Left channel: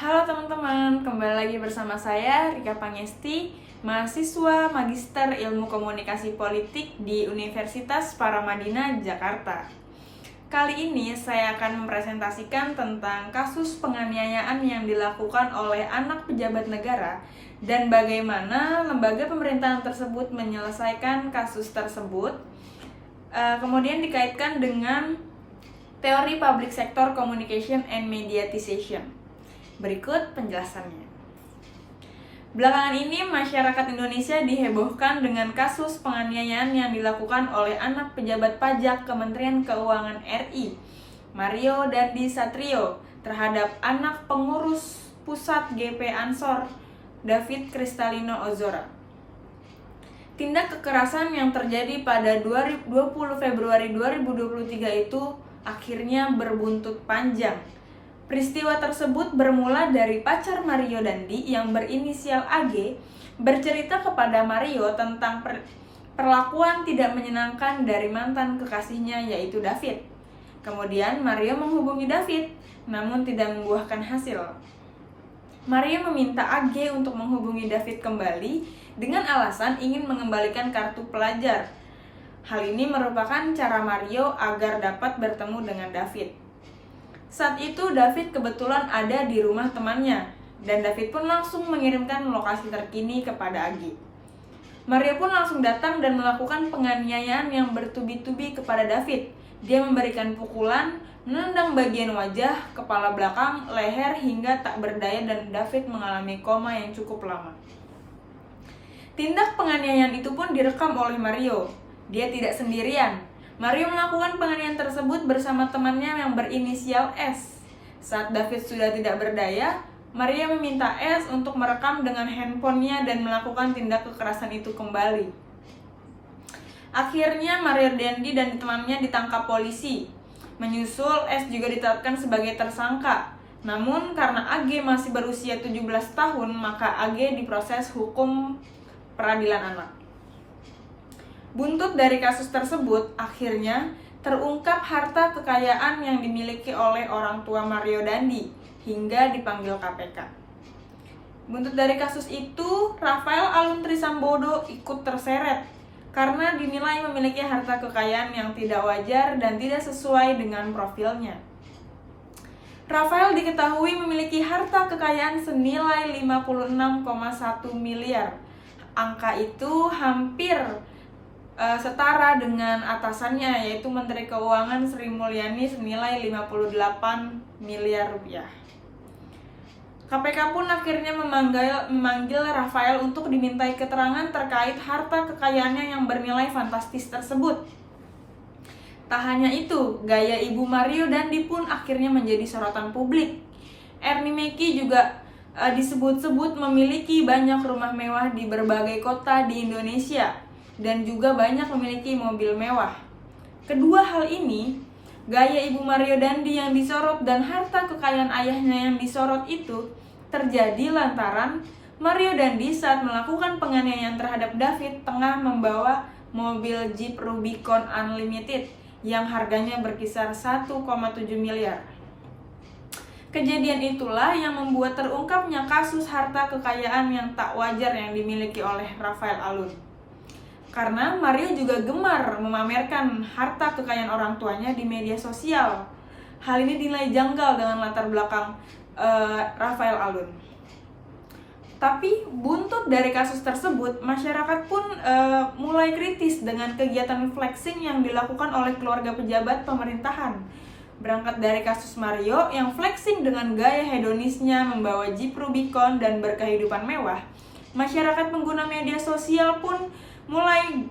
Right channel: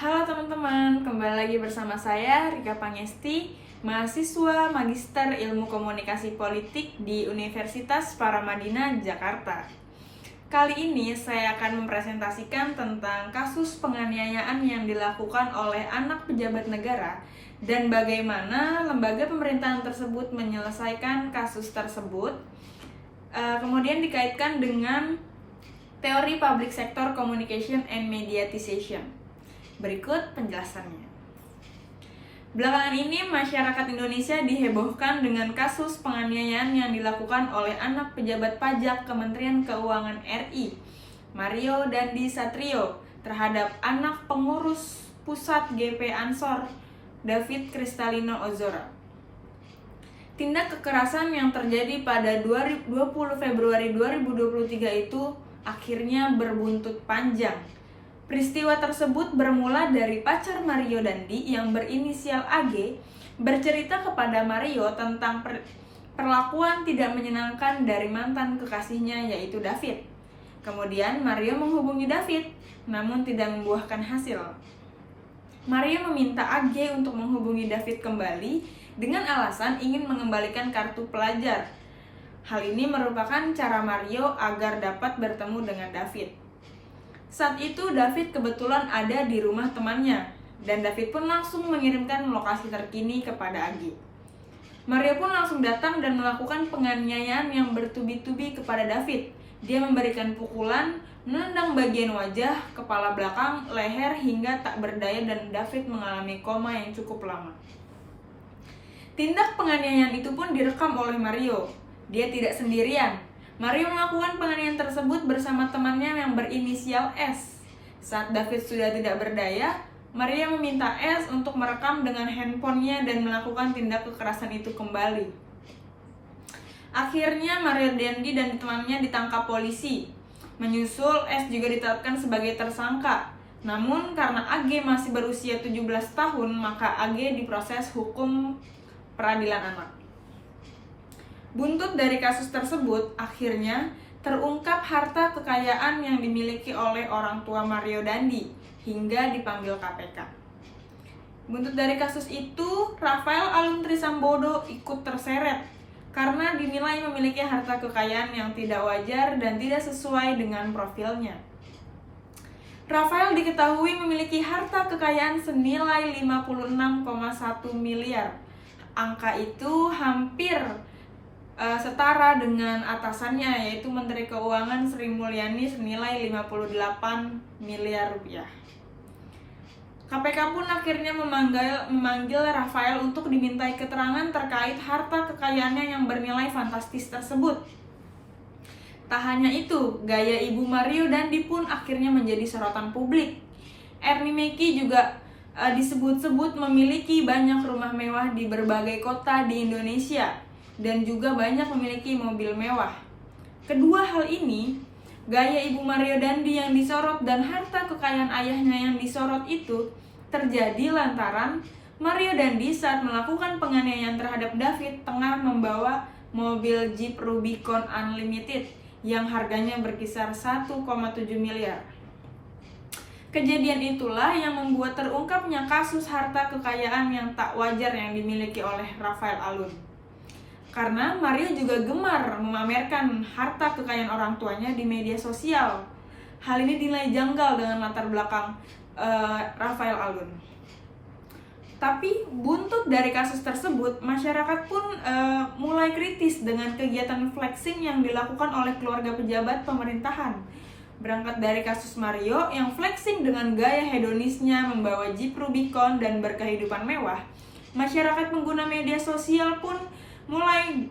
Halo teman-teman, kembali lagi bersama saya Rika Pangesti, mahasiswa Magister Ilmu Komunikasi Politik di Universitas Paramadina, Jakarta. Kali ini saya akan mempresentasikan tentang kasus penganiayaan yang dilakukan oleh anak pejabat negara dan bagaimana lembaga pemerintahan tersebut menyelesaikan kasus tersebut. Kemudian dikaitkan dengan teori public sector communication and mediatization. Berikut penjelasannya. Belakangan ini masyarakat Indonesia dihebohkan dengan kasus penganiayaan yang dilakukan oleh anak pejabat pajak Kementerian Keuangan RI, Mario Dandi Satrio, terhadap anak pengurus pusat GP Ansor, David Kristalino Ozora. Tindak kekerasan yang terjadi pada 20 Februari 2023 itu akhirnya berbuntut panjang. Peristiwa tersebut bermula dari pacar Mario Dandi yang berinisial AG bercerita kepada Mario tentang perlakuan tidak menyenangkan dari mantan kekasihnya yaitu David. Kemudian Mario menghubungi David, namun tidak membuahkan hasil. Mario meminta AG untuk menghubungi David kembali dengan alasan ingin mengembalikan kartu pelajar. Hal ini merupakan cara Mario agar dapat bertemu dengan David. Saat itu David kebetulan ada di rumah temannya, dan David pun langsung mengirimkan lokasi terkini kepada Agi. Mario pun langsung datang dan melakukan penganiayaan yang bertubi-tubi kepada David. Dia memberikan pukulan, menendang bagian wajah, kepala belakang, leher hingga tak berdaya dan David mengalami koma yang cukup lama. Tindak penganiayaan itu pun direkam oleh Mario. Dia tidak sendirian. Mario melakukan penganiayaan tersebut bersama temannya yang berinisial S. Saat David sudah tidak berdaya, Mario meminta S untuk merekam dengan handphonenya dan melakukan tindak kekerasan itu kembali. Akhirnya Mario Dandi dan temannya ditangkap polisi. Menyusul, S juga ditetapkan sebagai tersangka. Namun karena AG masih berusia 17 tahun, maka AG diproses hukum peradilan anak. Buntut dari kasus tersebut, akhirnya terungkap harta kekayaan yang dimiliki oleh orang tua Mario Dandi hingga dipanggil KPK. Buntut dari kasus itu, Rafael Alun Trisambodo ikut terseret karena dinilai memiliki harta kekayaan yang tidak wajar dan tidak sesuai dengan profilnya. Rafael diketahui memiliki harta kekayaan senilai 56,1 miliar. Angka itu hampir setara dengan atasannya yaitu Menteri Keuangan Sri Mulyani senilai 58 miliar rupiah. KPK pun akhirnya memanggil Rafael untuk dimintai keterangan terkait harta kekayaannya yang bernilai fantastis tersebut. Tak hanya itu, gaya Ibu Mario Dandi pun akhirnya menjadi sorotan publik. Ernie Meki juga disebut-sebut memiliki banyak rumah mewah di berbagai kota di Indonesia dan juga banyak memiliki mobil mewah. Kedua hal ini, gaya Ibu Mario Dandi yang disorot dan harta kekayaan ayahnya yang disorot itu terjadi lantaran Mario Dandi saat melakukan penganiayaan terhadap David tengah membawa mobil Jeep Rubicon Unlimited yang harganya berkisar 1,7 miliar. Kejadian itulah yang membuat terungkapnya kasus harta kekayaan yang tak wajar yang dimiliki oleh Rafael Alun. Karena Mario juga gemar memamerkan harta kekayaan orang tuanya di media sosial. Hal ini dinilai janggal dengan latar belakang Rafael Alun. Tapi buntut dari kasus tersebut, masyarakat pun mulai kritis dengan kegiatan flexing yang dilakukan oleh keluarga pejabat pemerintahan. Berangkat dari kasus Mario yang flexing dengan gaya hedonisnya membawa Jeep Rubicon dan berkehidupan mewah, masyarakat pengguna media sosial pun mulai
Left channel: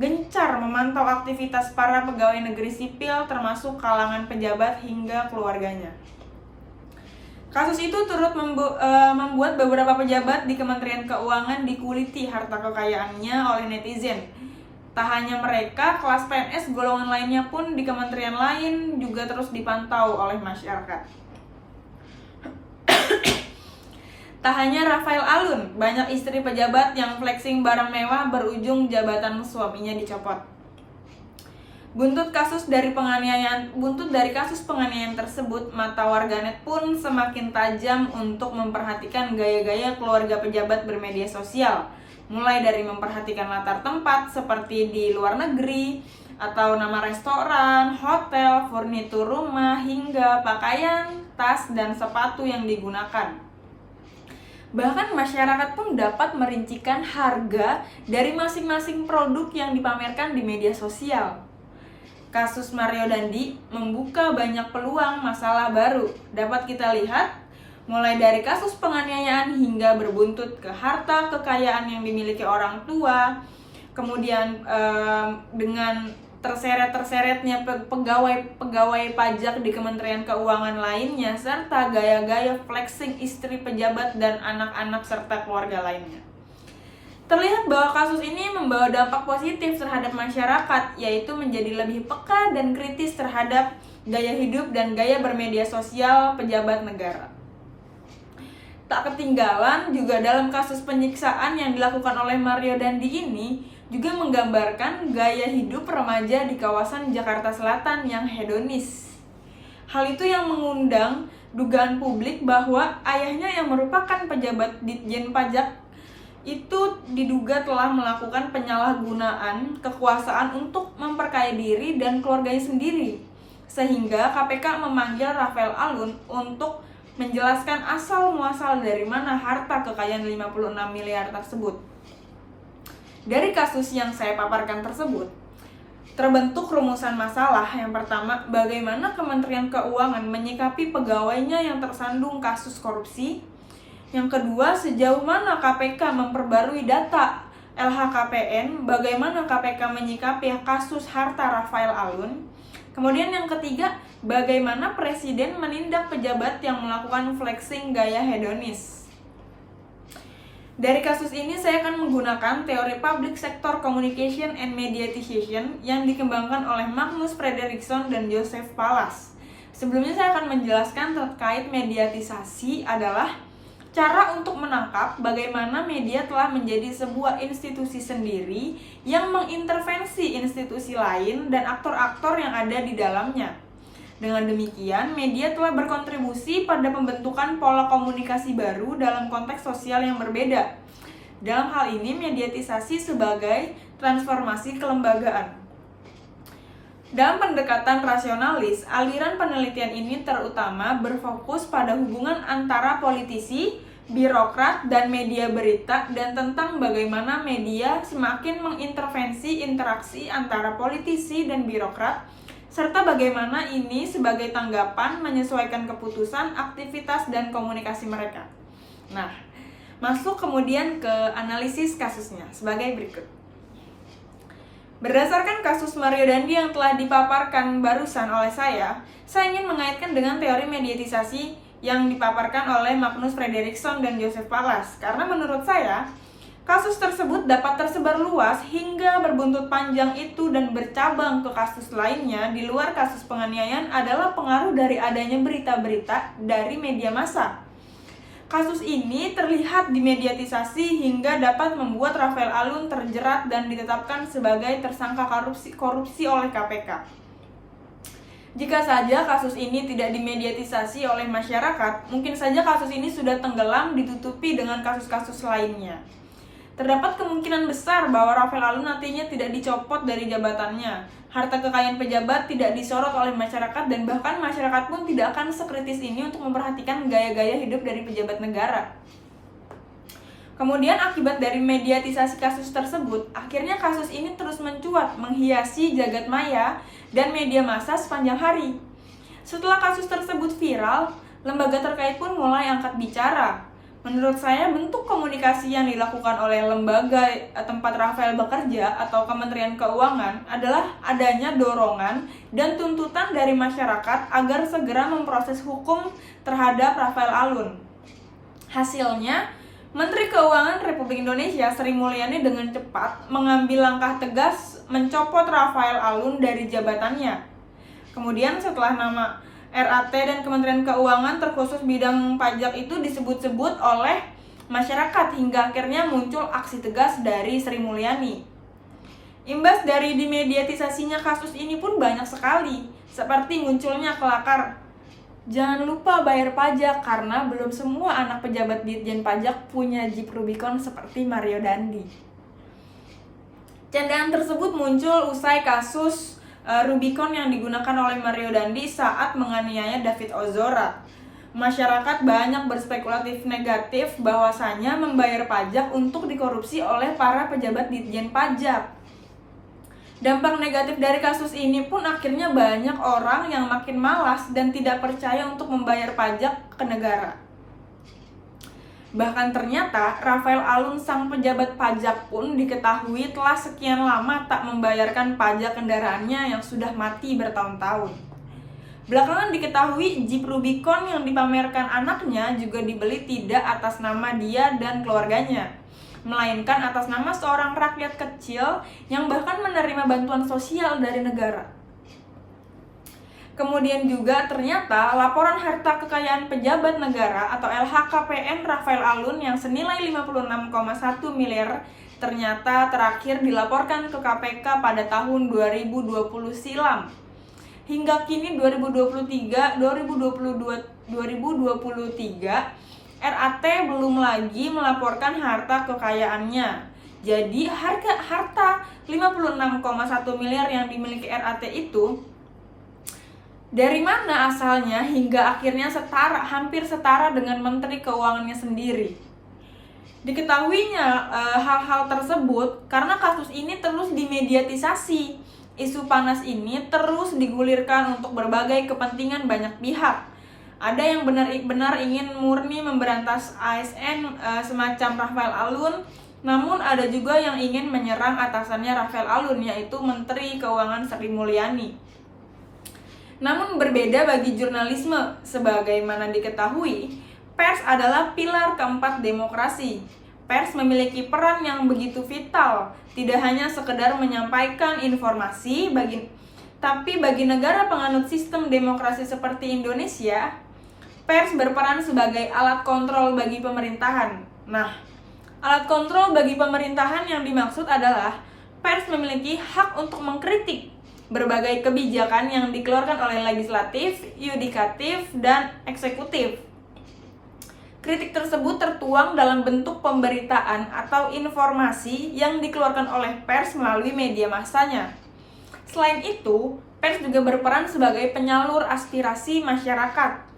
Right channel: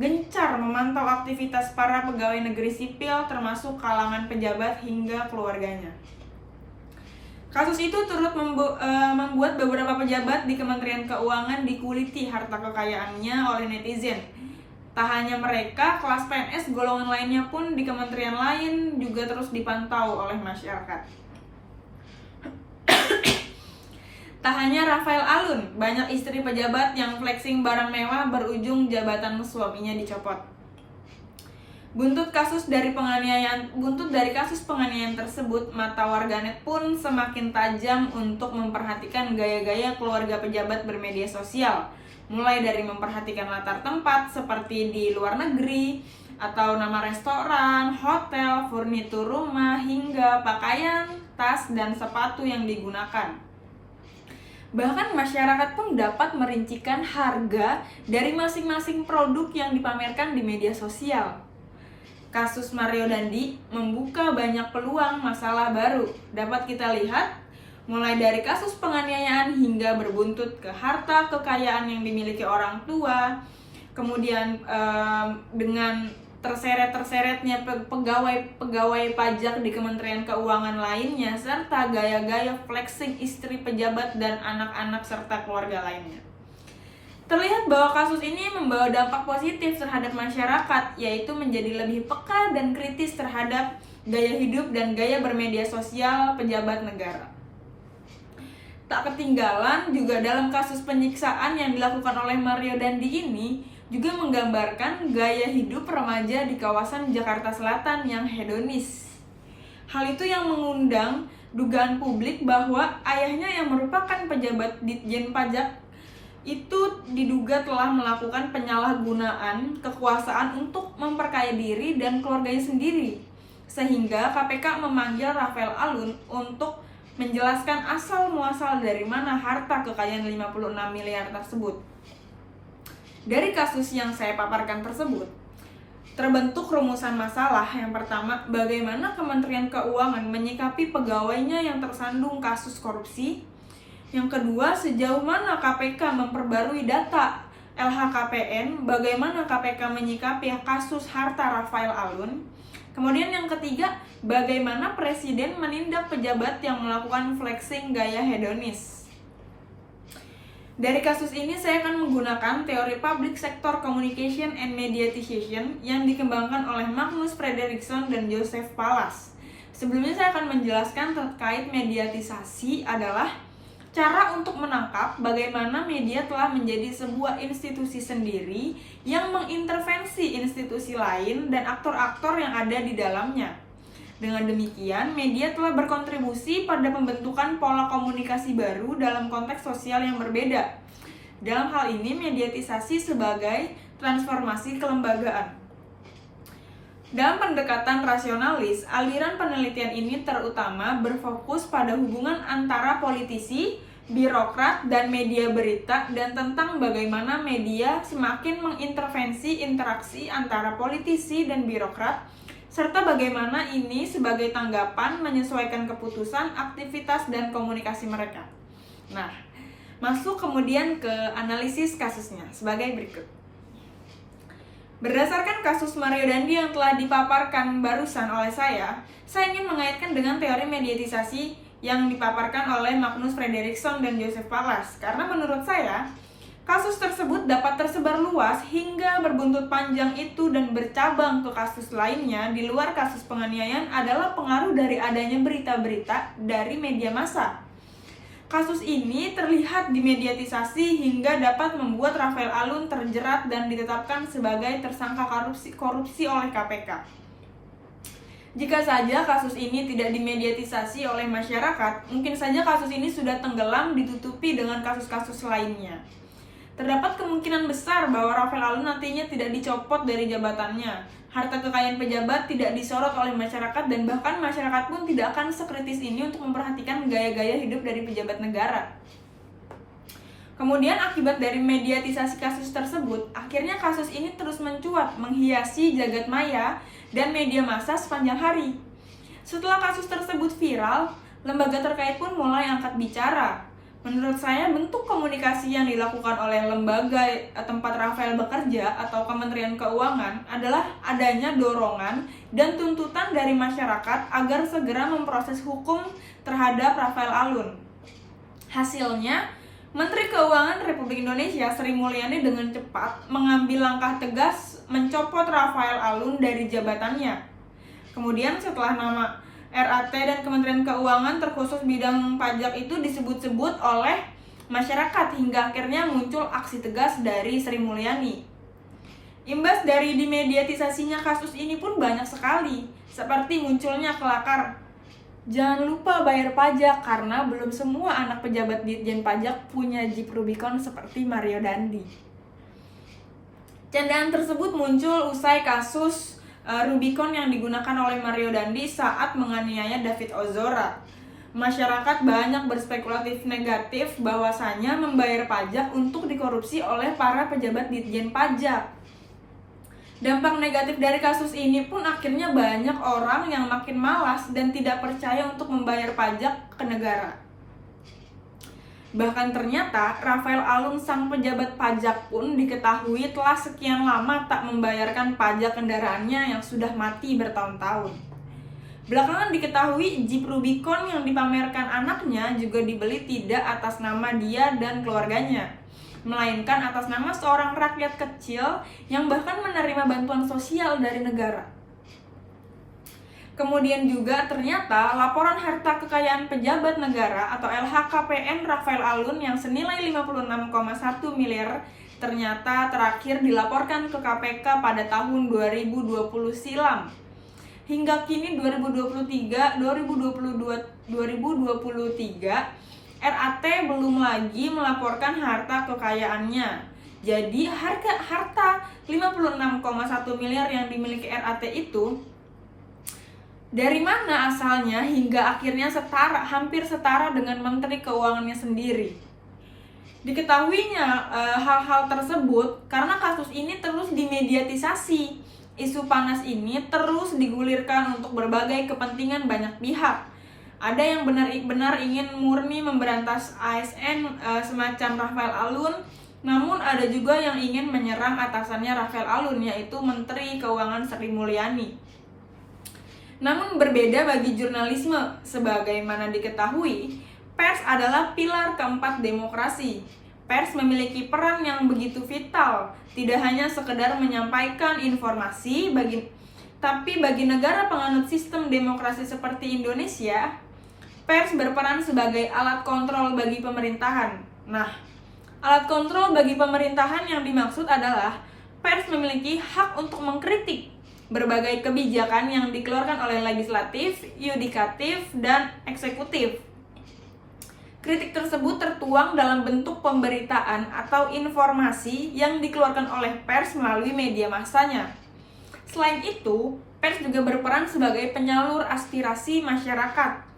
gencar memantau aktivitas para pegawai negeri sipil termasuk kalangan pejabat hingga keluarganya. Kasus itu turut membuat beberapa pejabat di Kementerian Keuangan dikuliti harta kekayaannya oleh netizen. Tak hanya mereka, kelas PNS golongan lainnya pun di kementerian lain juga terus dipantau oleh masyarakat. Tak hanya Rafael Alun, banyak istri pejabat yang flexing barang mewah berujung jabatan suaminya dicopot. Buntut dari kasus penganiayaan tersebut, mata warganet pun semakin tajam untuk memperhatikan gaya-gaya keluarga pejabat bermedia sosial, mulai dari memperhatikan latar tempat seperti di luar negeri, atau nama restoran, hotel, furnitur rumah, hingga pakaian, tas, dan sepatu yang digunakan. Bahkan masyarakat pun dapat merincikan harga dari masing-masing produk yang dipamerkan di media sosial. Kasus Mario Dandi membuka banyak peluang masalah baru. Dapat kita lihat, mulai dari kasus penganiayaan hingga berbuntut ke harta kekayaan yang dimiliki orang tua, kemudian dengan terseret-terseretnya pegawai pajak di Kementerian Keuangan lainnya, serta gaya-gaya flexing istri pejabat dan anak-anak serta keluarga lainnya. Terlihat bahwa kasus ini membawa dampak positif terhadap masyarakat, yaitu menjadi lebih peka dan kritis terhadap gaya hidup dan gaya bermedia sosial pejabat negara. Tak ketinggalan juga dalam kasus penyiksaan yang dilakukan oleh Mario Dandi ini juga menggambarkan gaya hidup remaja di kawasan Jakarta Selatan yang hedonis. Hal itu yang mengundang dugaan publik bahwa ayahnya yang merupakan pejabat Ditjen Pajak itu diduga telah melakukan penyalahgunaan kekuasaan untuk memperkaya diri dan keluarganya sendiri, sehingga KPK memanggil Rafael Alun untuk menjelaskan asal muasal dari mana harta kekayaan 56 miliar tersebut. Dari kasus yang saya paparkan tersebut, terbentuk rumusan masalah. Yang pertama, bagaimana Kementerian Keuangan menyikapi pegawainya yang tersandung kasus korupsi. Yang kedua, sejauh mana KPK memperbarui data LHKPN, bagaimana KPK menyikapi kasus harta Rafael Alun. Kemudian yang ketiga, bagaimana Presiden menindak pejabat yang melakukan flexing gaya hedonis. Dari kasus ini saya akan menggunakan teori Public Sector Communication and Mediatization yang dikembangkan oleh Magnus Frederiksson dan Joseph Pallas. Sebelumnya saya akan menjelaskan terkait mediatisasi adalah cara untuk menangkap bagaimana media telah menjadi sebuah institusi sendiri yang mengintervensi institusi lain dan aktor-aktor yang ada di dalamnya. Dengan demikian, media telah berkontribusi pada pembentukan pola komunikasi baru dalam konteks sosial yang berbeda. Dalam hal ini, mediatisasi sebagai transformasi kelembagaan. Dalam pendekatan rasionalis, aliran penelitian ini terutama berfokus pada hubungan antara politisi, birokrat, dan media berita, dan tentang bagaimana media semakin mengintervensi interaksi antara politisi dan birokrat, serta bagaimana ini sebagai tanggapan menyesuaikan keputusan, aktivitas, dan komunikasi mereka. Nah, masuk kemudian ke analisis kasusnya sebagai berikut. Berdasarkan kasus Mario Dandi yang telah dipaparkan barusan oleh saya ingin mengaitkan dengan teori mediatisasi yang dipaparkan oleh Magnus Frederiksson dan Joseph Pallas. Karena menurut saya, kasus tersebut dapat tersebar luas hingga berbuntut panjang itu dan bercabang ke kasus lainnya di luar kasus penganiayaan adalah pengaruh dari adanya berita-berita dari media massa. Kasus ini terlihat dimediatisasi hingga dapat membuat Rafael Alun terjerat dan ditetapkan sebagai tersangka korupsi oleh KPK. Jika saja kasus ini tidak dimediatisasi oleh masyarakat, mungkin saja kasus ini sudah tenggelam ditutupi dengan kasus-kasus lainnya. Terdapat kemungkinan besar bahwa Rafael Alun nantinya tidak dicopot dari jabatannya. Harta kekayaan pejabat tidak disorot oleh masyarakat dan bahkan masyarakat pun tidak akan sekritis ini untuk memperhatikan gaya-gaya hidup dari pejabat negara. Kemudian akibat dari mediatisasi kasus tersebut, akhirnya kasus ini terus mencuat, menghiasi jagat maya dan media massa sepanjang hari. Setelah kasus tersebut viral, lembaga terkait pun mulai angkat bicara. Menurut saya, bentuk komunikasi yang dilakukan oleh lembaga tempat Rafael bekerja atau Kementerian Keuangan adalah adanya dorongan dan tuntutan dari masyarakat agar segera memproses hukum terhadap Rafael Alun. Hasilnya, Menteri Keuangan Republik Indonesia Sri Mulyani dengan cepat mengambil langkah tegas mencopot Rafael Alun dari jabatannya. Kemudian setelah nama RAT dan Kementerian Keuangan terkhusus bidang pajak itu disebut-sebut oleh masyarakat hingga akhirnya muncul aksi tegas dari Sri Mulyani. Imbas dari dimediatisasinya kasus ini pun banyak sekali, seperti munculnya kelakar jangan lupa bayar pajak karena belum semua anak pejabat Ditjen Pajak punya Jeep Rubicon seperti Mario Dandi. Candaan tersebut muncul usai kasus Rubicon yang digunakan oleh Mario Dandi saat menganiaya David Ozora. Masyarakat banyak berspekulatif negatif bahwasanya membayar pajak untuk dikorupsi oleh para pejabat Ditjen Pajak. Dampak negatif dari kasus ini pun akhirnya banyak orang yang makin malas dan tidak percaya untuk membayar pajak ke negara. Bahkan ternyata Rafael Alun sang pejabat pajak pun diketahui telah sekian lama tak membayarkan pajak kendaraannya yang sudah mati bertahun-tahun. Belakangan diketahui Jeep Rubicon yang dipamerkan anaknya juga dibeli tidak atas nama dia dan keluarganya, melainkan atas nama seorang rakyat kecil yang bahkan menerima bantuan sosial dari negara. Kemudian juga ternyata laporan harta kekayaan pejabat negara atau LHKPN Rafael Alun yang senilai 56,1 miliar ternyata terakhir dilaporkan ke KPK pada tahun 2020 silam. Hingga kini 2023 RAT belum lagi melaporkan harta kekayaannya. Jadi harta 56,1 miliar yang dimiliki RAT itu dari mana asalnya hingga akhirnya hampir setara dengan Menteri Keuangannya sendiri. Diketahuinya hal-hal tersebut karena kasus ini terus dimediatisasi. Isu panas ini terus digulirkan untuk berbagai kepentingan banyak pihak. Ada yang benar-benar ingin murni memberantas ASN semacam Rafael Alun, namun ada juga yang ingin menyerang atasannya Rafael Alun, yaitu Menteri Keuangan Sri Mulyani. Namun berbeda bagi jurnalisme, sebagaimana diketahui, pers adalah pilar keempat demokrasi. Pers memiliki peran yang begitu vital, tidak hanya sekedar menyampaikan informasi, tapi bagi negara penganut sistem demokrasi seperti Indonesia, pers berperan sebagai alat kontrol bagi pemerintahan. Nah, alat kontrol bagi pemerintahan yang dimaksud adalah pers memiliki hak untuk mengkritik berbagai kebijakan yang dikeluarkan oleh legislatif, yudikatif, dan eksekutif. Kritik tersebut tertuang dalam bentuk pemberitaan atau informasi yang dikeluarkan oleh pers melalui media massanya. Selain itu, pers juga berperan sebagai penyalur aspirasi masyarakat.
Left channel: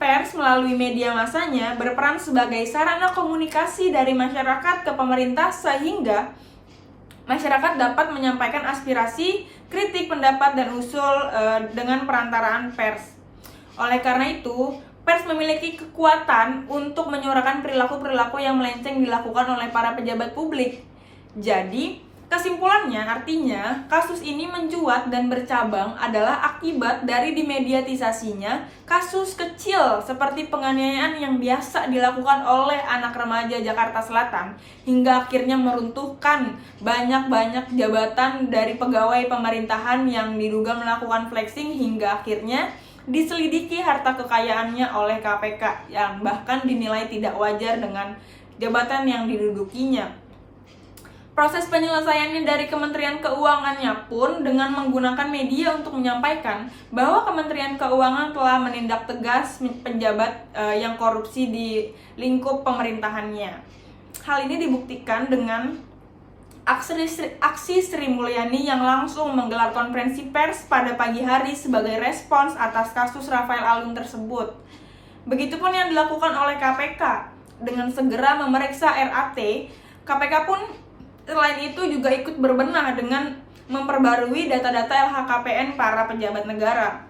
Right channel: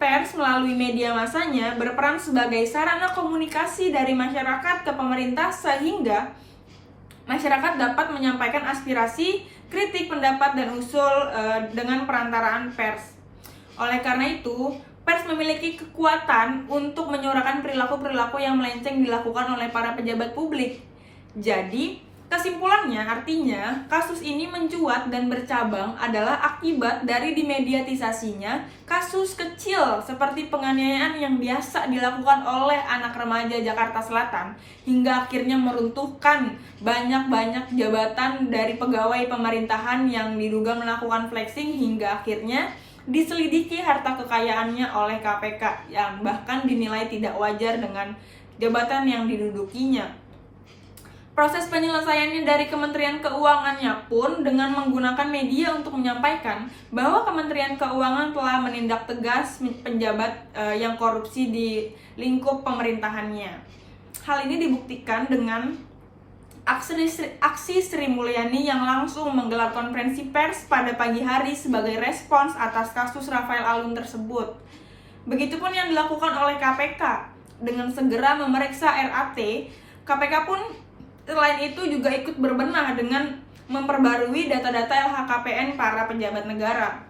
Pers melalui media massanya berperan sebagai sarana komunikasi dari masyarakat ke pemerintah sehingga masyarakat dapat menyampaikan aspirasi, kritik, pendapat, dan usul dengan perantaraan pers. Oleh karena itu, pers memiliki kekuatan untuk menyuarakan perilaku-perilaku yang melenceng dilakukan oleh para pejabat publik. Jadi, kesimpulannya artinya kasus ini mencuat dan bercabang adalah akibat dari dimediatisasinya kasus kecil seperti penganiayaan yang biasa dilakukan oleh anak remaja Jakarta Selatan hingga akhirnya meruntuhkan banyak jabatan dari pegawai pemerintahan yang diduga melakukan flexing hingga akhirnya diselidiki harta kekayaannya oleh KPK yang bahkan dinilai tidak wajar dengan jabatan yang didudukinya. Proses penyelesaiannya dari Kementerian Keuangannya pun dengan menggunakan media untuk menyampaikan bahwa Kementerian Keuangan telah menindak tegas penjabat yang korupsi di lingkup pemerintahannya. Hal ini dibuktikan dengan aksi Sri Mulyani yang langsung menggelar konferensi pers pada pagi hari sebagai respons atas kasus Rafael Alun tersebut. Begitupun yang dilakukan oleh KPK dengan segera memeriksa RAT. KPK pun selain itu juga ikut berbenah dengan memperbarui data-data LHKPN para pejabat negara.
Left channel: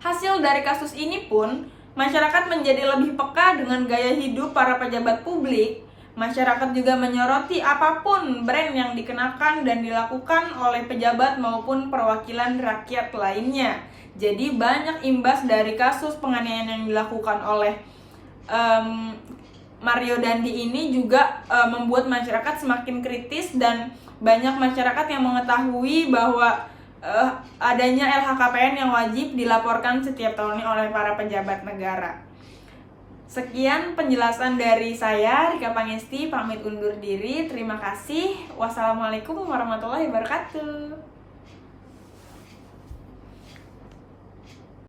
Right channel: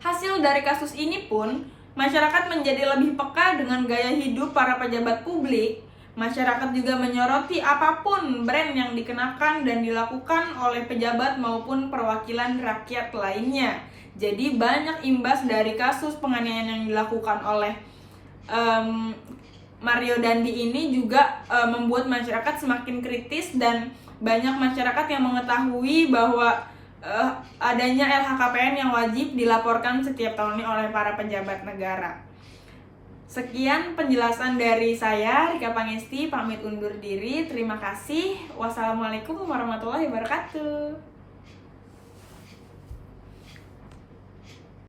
Hasil dari kasus ini pun, masyarakat menjadi lebih peka dengan gaya hidup para pejabat publik. Masyarakat juga menyoroti apapun brand yang dikenakan dan dilakukan oleh pejabat maupun perwakilan rakyat lainnya. Jadi banyak imbas dari kasus penganiayaan yang dilakukan oleh Mario Dandi ini juga membuat masyarakat semakin kritis dan banyak masyarakat yang mengetahui bahwa adanya LHKPN yang wajib dilaporkan setiap tahunnya oleh para pejabat negara. Sekian penjelasan dari saya, Rika Pangesti, pamit undur diri. Terima kasih. Wassalamualaikum warahmatullahi wabarakatuh.